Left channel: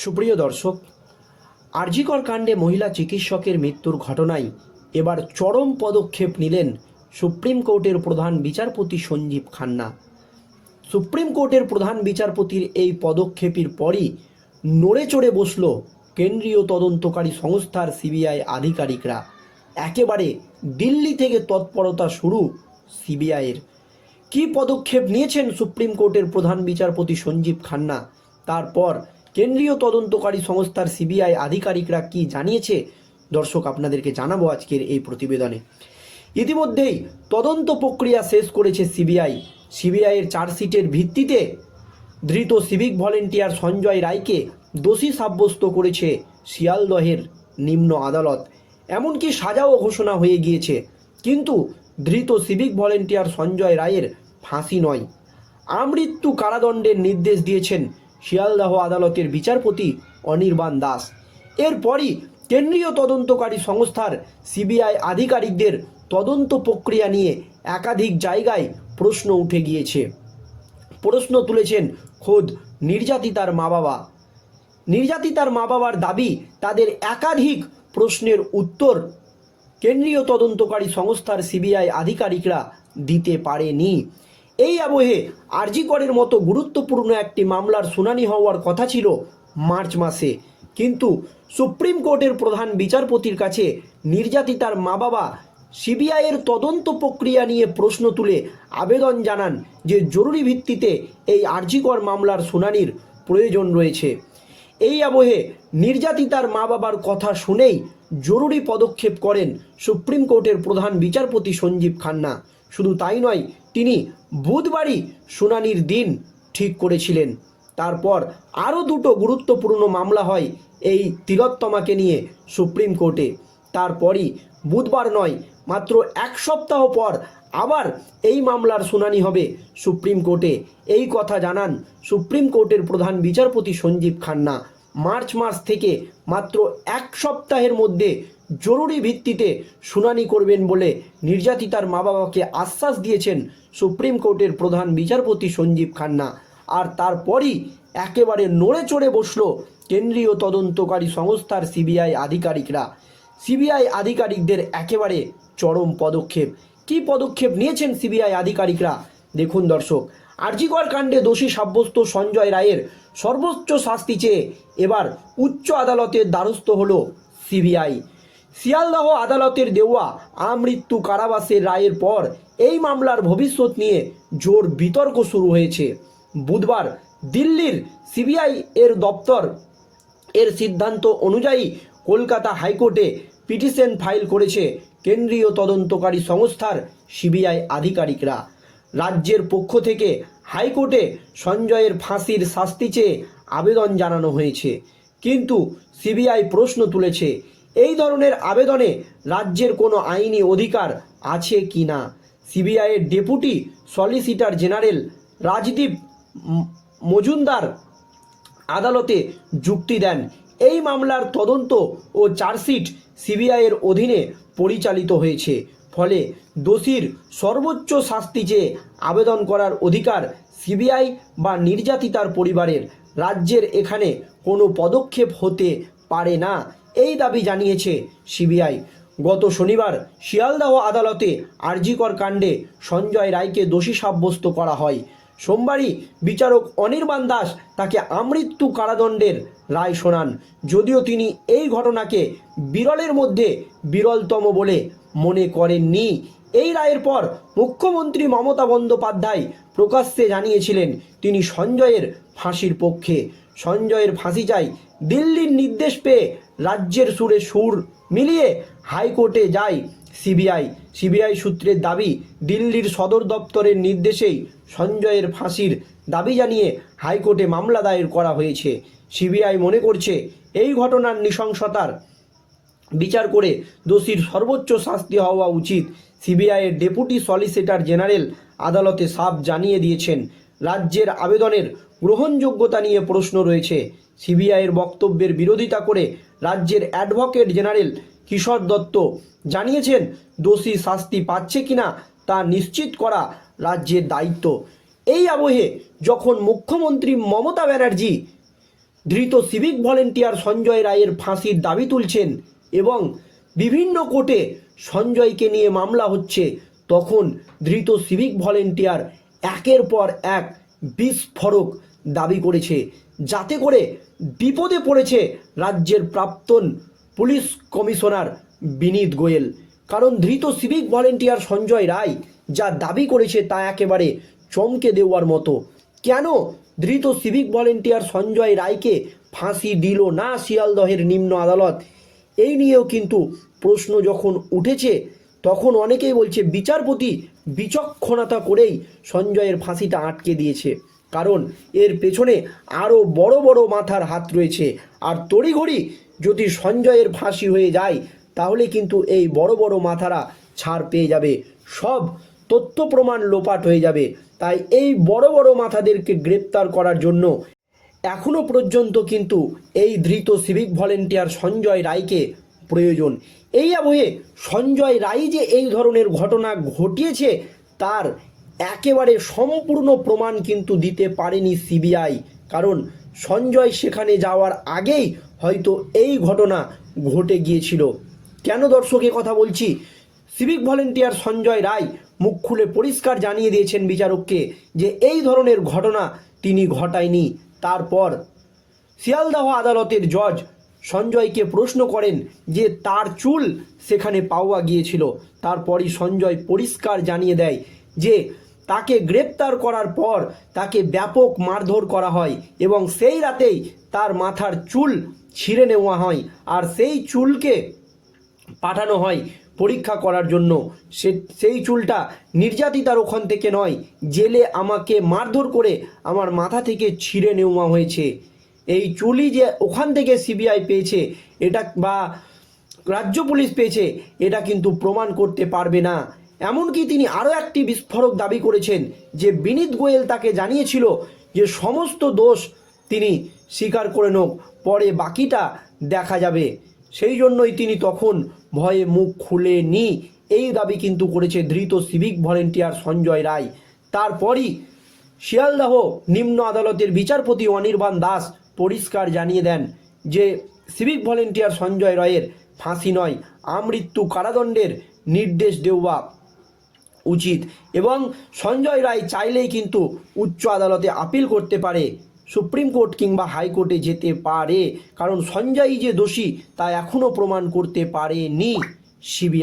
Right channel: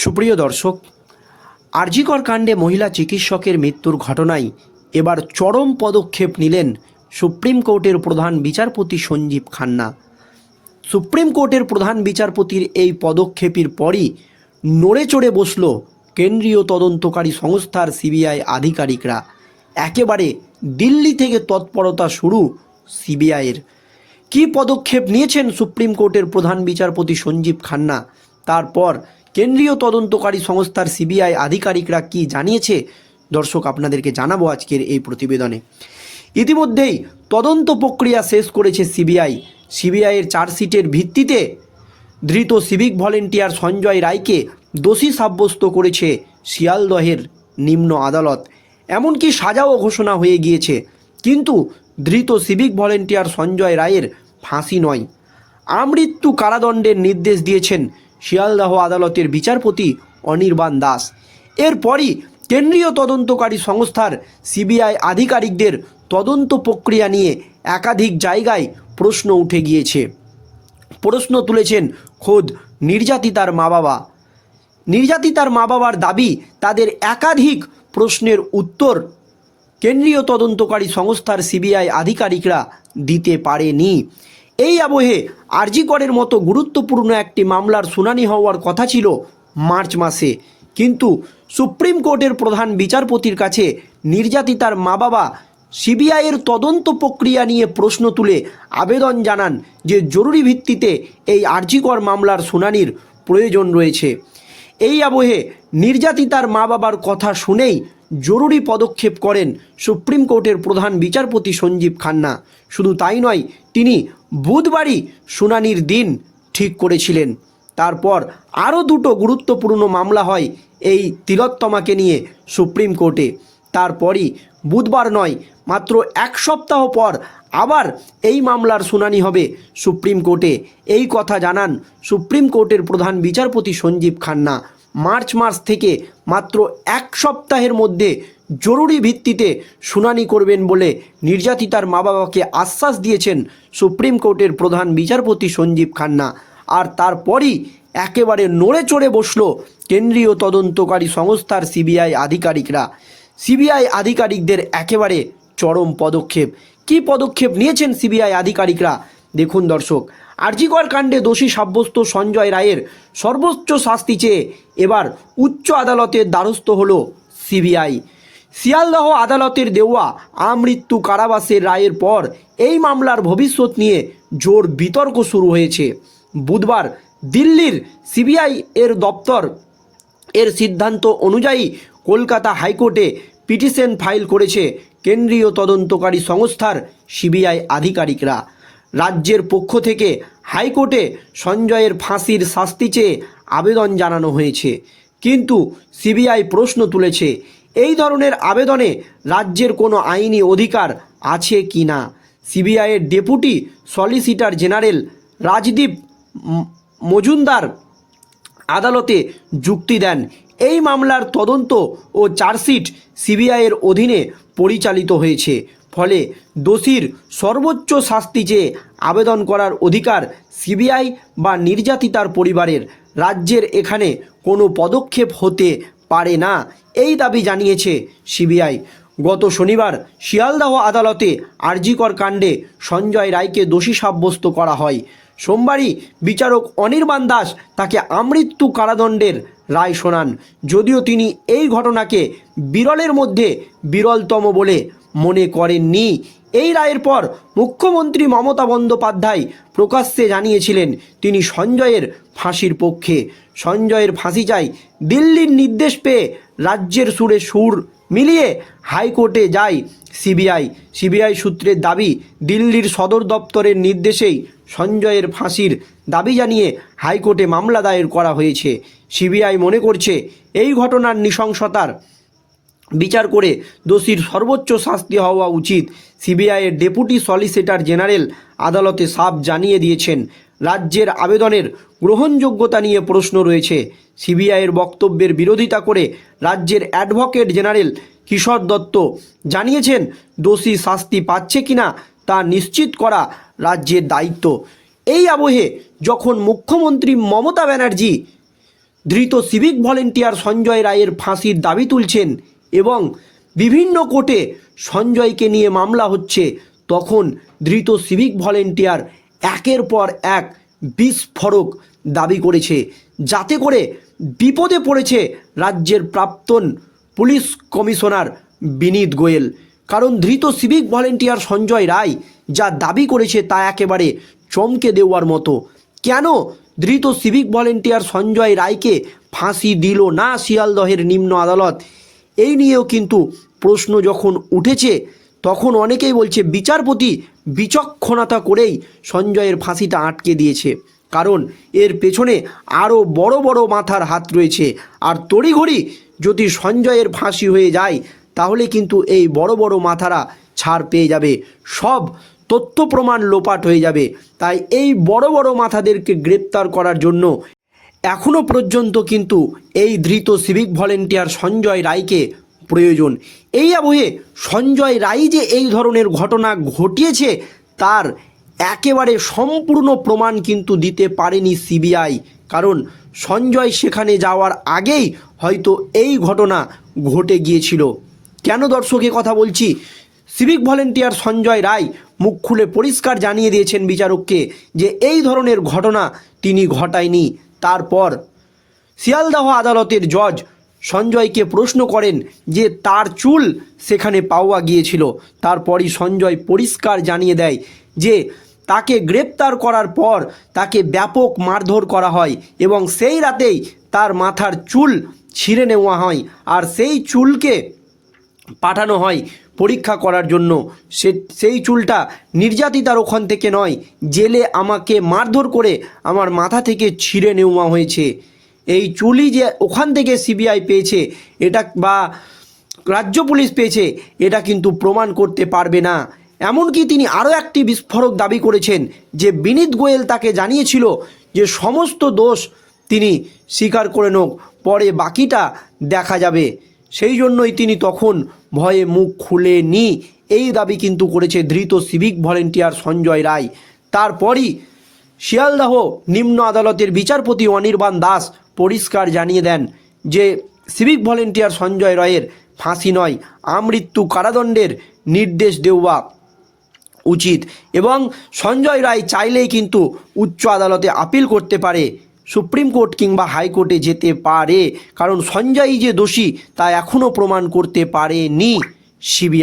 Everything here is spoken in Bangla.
সুপ্রিয় দর্শক, আরজিকর কাণ্ডে মহিলা চিকিৎসকের মৃত্যুর ঘটনায় এবার চরম পদক্ষেপ নিলেন সুপ্রিম কোর্টের প্রধান বিচারপতি সঞ্জীব খান্না। সুপ্রিম কোর্টের প্রধান বিচারপতির এই পদক্ষেপের পরই নড়ে চড়ে বসল কেন্দ্রীয় তদন্তকারী সংস্থার সিবিআই আধিকারিকরা। একেবারে দিল্লি থেকে তৎপরতা শুরু সিবিআইয়ের। কি পদক্ষেপ নিয়েছেন সুপ্রিম কোর্টের প্রধান বিচারপতি সঞ্জীব খান্না? তারপর কেন্দ্রীয় তদন্তকারী সংস্থার সিবিআই আধিকারিকরা কি জানিয়েছে? দর্শক, আপনাদেরকে জানাব আজকের এই প্রতিবেদনে। ইতিমধ্যেই তদন্ত প্রক্রিয়া শেষ করেছে সিবিআই। সিবিআইয়ের চার্জশিটের ভিত্তিতে ধৃত সিভিক ভলেন্টিয়ার সঞ্জয় রায়কে দোষী সাব্যস্ত করেছে শিয়ালদহের নিম্ন আদালত। এমনকি সাজাও ঘোষণা হয়ে গিয়েছে, কিন্তু ধৃত সিভিক ভলেন্টিয়ার সঞ্জয় রায়ের ফাঁসি নয়। আমৃত্যু কারাদণ্ডের নির্দেশ দিয়েছেন শিয়ালদহ আদালতের বিচারপতি অনির্বাণ দাস। এরপরই কেন্দ্রীয় তদন্তকারী সংস্থার সিবিআই আধিকারিকদের তদন্ত প্রক্রিয়া নিয়ে একাধিক জায়গায় প্রশ্ন উঠে গিয়েছে। প্রশ্ন তুলেছেন খোদ নির্যাতিতার মা বাবা নির্যাতিতার মা বাবার দাবি, তাদের একাধিক প্রশ্নের উত্তর কেন্দ্রীয় তদন্তকারী সংস্থার সিবিআই আধিকারিকরা দিতে পারেনি। এই আবহে আরজিকরের মতো গুরুত্বপূর্ণ একটি মামলার শুনানি হওয়ার কথা ছিল মার্চ মাসে। কিন্তু সুপ্রিম কোর্টের প্রধান বিচারপতির কাছে নির্যাতিতার মা বাবা সিবিআইয়ের তদন্ত প্রক্রিয়া নিয়ে প্রশ্ন তুলে আবেদন জানান যে জরুরি ভিত্তিতে এই আরজিকর মামলার শুনানির প্রয়োজন রয়েছে। এই আবহে নির্যাতিতার মা বাবার কথা শুনেই জরুরি পদক্ষেপ করেন সুপ্রিম কোর্টের প্রধান বিচারপতি সঞ্জীব খান্না। শুধু তাই নয়, তিনি বুধবারই শুনানির দিন ঠিক করেছিলেন। তারপর আরও দুটো গুরুত্বপূর্ণ মামলা হয় এই তিলোত্তমাকে নিয়ে সুপ্রিম কোর্টে। তারপরই বুধবার নয়, মাত্র এক সপ্তাহ পর আবার এই মামলার শুনানি হবে সুপ্রিম কোর্টে। এই কথা জানান সুপ্রিম কোর্টের প্রধান বিচারপতি সঞ্জীব খান্না। মার্চ মাস থেকে মাত্র এক সপ্তাহের মধ্যে জরুরি ভিত্তিতে শুনানি করবেন বলে নির্যাতিতার মা বাবাকে আশ্বাস দিয়েছেন সুপ্রিম কোর্টের প্রধান বিচারপতি সঞ্জীব খান্না। আর তারপরই একেবারে নড়ে চড়ে বসল কেন্দ্রীয় তদন্তকারী সংস্থার সিবিআই আধিকারিকরা। সিবিআই আধিকারিকদের একেবারে চরম পদক্ষেপ। কি পদক্ষেপ নিয়েছেন সিবিআই আধিকারিকরা? দেখুন দর্শক আরজিকর কাণ্ডে দোষী সাব্যস্ত সঞ্জয় রায়ের সর্বোচ্চ শাস্তি চেয়ে এবার উচ্চ আদালতের দ্বারস্থ হল সিবিআই। শিয়ালদহ আদালতের দেওয়া আমৃত্যু কারাবাসের রায়ের পর এই মামলার ভবিষ্যৎ নিয়ে জোর বিতর্ক শুরু হয়েছে। বুধবার দিল্লির সিবিআই এর দপ্তর এর সিদ্ধান্ত অনুযায়ী কলকাতা হাইকোর্টে পিটিশন ফাইল করেছে কেন্দ্রীয় তদন্তকারী সংস্থার সিবিআই আধিকারিকরা। রাজ্যের পক্ষ থেকে হাইকোর্টে সঞ্জয়ের ফাঁসির শাস্তি চেয়ে আবেদন জানানো হয়েছে। কিন্তু সিবিআই প্রশ্ন তুলেছে, এই ধরনের আবেদনে রাজ্যের কোনো আইনি অধিকার আছে কি না? সিবিআইয়ের deputy solicitor general Rajdeep Majumdar আদালতে যুক্তি দেন। এই মামলার তদন্ত ও চার্জশিট সিবিআইয়ের অধীনে পরিচালিত হয়েছে। ফলে দোষীর সর্বোচ্চ শাস্তি চেয়ে আবেদন করার অধিকার সিবিআই বা নির্যাতিতার পরিবারের। রাজ্যের এখানে কোনো পদক্ষেপ হতে পারে না, এই দাবি জানিয়েছে সিবিআই। গত শনিবার শিয়ালদাহ আদালতে আরজিকর কাণ্ডে সঞ্জয় রায়কে দোষী সাব্যস্ত করা হয়। সোমবারই বিচারক অনির্বাণ দাস তাকে আমৃত্যু কারাদণ্ডের রায় শোনান। যদিও তিনি এই ঘটনাকে বিরলের মধ্যে বিরলতম বলে মনে করেননি। এই রায়ের পর মুখ্যমন্ত্রী মমতা বন্দ্যোপাধ্যায় প্রকাশ্যে জানিয়েছিলেন, তিনি সঞ্জয়ের ফাঁসির পক্ষে। সঞ্জয়ের ফাঁসি চাই, দিল্লির নির্দেশ পেয়ে রাজ্যের সুরে সুর মিলিয়ে হাইকোর্টে যায় সিবিআই। সিবিআই সূত্রের দাবি, দিল্লির সদর দপ্তরের নির্দেশেই সঞ্জয়ের ফাঁসির দাবি জানিয়ে হাইকোর্টে মামলা দায়ের করা হয়েছে। সিবিআই মনে করছে, এই ঘটনার নৃশংসতার বিচার করে দোষীর সর্বোচ্চ শাস্তি হওয়া উচিত। সিবিআইয়ের ডেপুটি সলিসিটার জেনারেল আদালতে সাফ জানিয়ে দিয়েছেন। রাজ্যের আবেদনের গ্রহণযোগ্যতা নিয়ে প্রশ্ন রয়েছে। সিবিআইয়ের বক্তব্যের বিরোধিতা করে রাজ্যের অ্যাডভোকেট জেনারেল কিশোর দত্ত জানিয়েছেন, দোষী শাস্তি পাচ্ছে কিনা তা নিশ্চিত করা রাজ্যের দায়িত্ব। এই আবহে যখন মুখ্যমন্ত্রী মমতা ব্যানার্জি ধৃত সিভিক ভলেন্টিয়ার সঞ্জয় রায়ের ফাঁসির দাবি তুলছেন এবং বিভিন্ন কোর্টে সঞ্জয়কে নিয়ে মামলা হচ্ছে, তখন ধৃত সিভিক ভলেন্টিয়ার একের পর এক বিস্ফোরক দাবি করেছে। যাতে করে বিপদে পড়েছে রাজ্যের প্রাক্তন পুলিশ কমিশনার বিনীত গোয়েল। কারণ ধৃত সিভিক ভলেন্টিয়ার সঞ্জয় রায় যা দাবি করেছে তা একেবারে চমকে দেওয়ার মতো। কেন ধৃত সিভিক ভলেন্টিয়ার সঞ্জয় রায়কে ফাঁসি দিল না শিয়ালদহের নিম্ন আদালত? এই নিয়েও কিন্তু প্রশ্ন যখন উঠেছে, তখন অনেকেই বলছে বিচারপতি বিচক্ষণতা করেই সঞ্জয়ের ফাঁসিটা আটকে দিয়েছে। কারণ এর পেছনে আরও বড় বড় মাথার হাত রয়েছে। আর তড়িঘড়ি যদি সঞ্জয়ের ফাঁসি হয়ে যায়, তাহলে কিন্তু এই বড় বড় মাথারা ছাড় পেয়ে যাবে। সব তথ্য প্রমাণ লোপাট হয়ে যাবে। তাই এই বড় বড় মাথাদেরকে গ্রেপ্তার করার জন্য এখনও পর্যন্ত কিন্তু এই ধৃত সিভিক ভলেন্টিয়ার সঞ্জয় রায়কে প্রয়োজন। এই আবহে সঞ্জয় রায় যে এই ধরনের ঘটনা ঘটিয়েছে, তার একেবারে সম্পূর্ণ প্রমাণ কিন্তু দিতে পারেনি সিবিআই কারণ সঞ্জয় সেখানে যাওয়ার আগেই হয়তো এই ঘটনা ঘটে গিয়েছিল। কেন দর্শকে কথা বলছি সিভিক ভলেন্টিয়ার সঞ্জয় রায় মুখ খুলে পরিষ্কার জানিয়ে দিয়েছেন বিচারককে যে এই ধরনের ঘটনা তিনি ঘটায়নি। তারপর শিয়ালদাহ আদালতের জজ সঞ্জয়কে প্রশ্ন করেন যে তার চুল সেখানে পাওয়া গিয়েছিল। তারপরই সঞ্জয় পরিষ্কার জানিয়ে দেয় যে তাকে গ্রেপ্তার করার পর তাকে ব্যাপক মারধর করা হয় এবং সেই রাতেই তার মাথার চুল ছিঁড়ে নেওয়া হয় আর সেই চুলকে পাঠানো হয় পরীক্ষা করার জন্য। সে, সেই চুলটা নির্যাতিতার ওখান থেকে নয়, জেলে আমাকে মারধর করে আমার মাথা থেকে ছিঁড়ে নেওয়া হয়েছে। এই চুলই যে ওখান থেকে সিবিআই পেয়েছে, এটা বা রাজ্য পুলিশ পেয়েছে, এটা কিন্তু প্রমাণ করতে পারবে না। এমনকি তিনি আরও একটি বিস্ফোরক দাবি করেছেন যে বিনীত গোয়েল তাকে জানিয়েছিল যে সমস্ত দোষ তিনি স্বীকার করে নোক, পরে বাকিটা দেখা যাবে। সেই জন্যই তিনি তখন ভয়ে মুখ খুলে খুলেনি এই দাবি কিন্তু করেছে ধৃত সিভিক ভলেন্টিয়ার সঞ্জয় রায়। তারপরই শিয়ালদাহ নিম্ন আদালতের বিচারপতি অনির্বাণ দাস পরিষ্কার জানিয়ে দেন যে সিভিক ভলেন্টিয়ার সঞ্জয় রায়ের ফাঁসি নয়, আমৃত্যু কারাদণ্ডের নির্দেশ দেওয়া উচিত এবং সঞ্জয় রায় চাইলেই কিন্তু উচ্চ আদালতে আপিল করতে পারে। সুপ্রিম কোর্ট কিংবা হাইকোর্টে যেতে পারে। কারণ সঞ্জয় যে দোষী, তা এখনও প্রমাণ করতে পারেনি সিবিআই।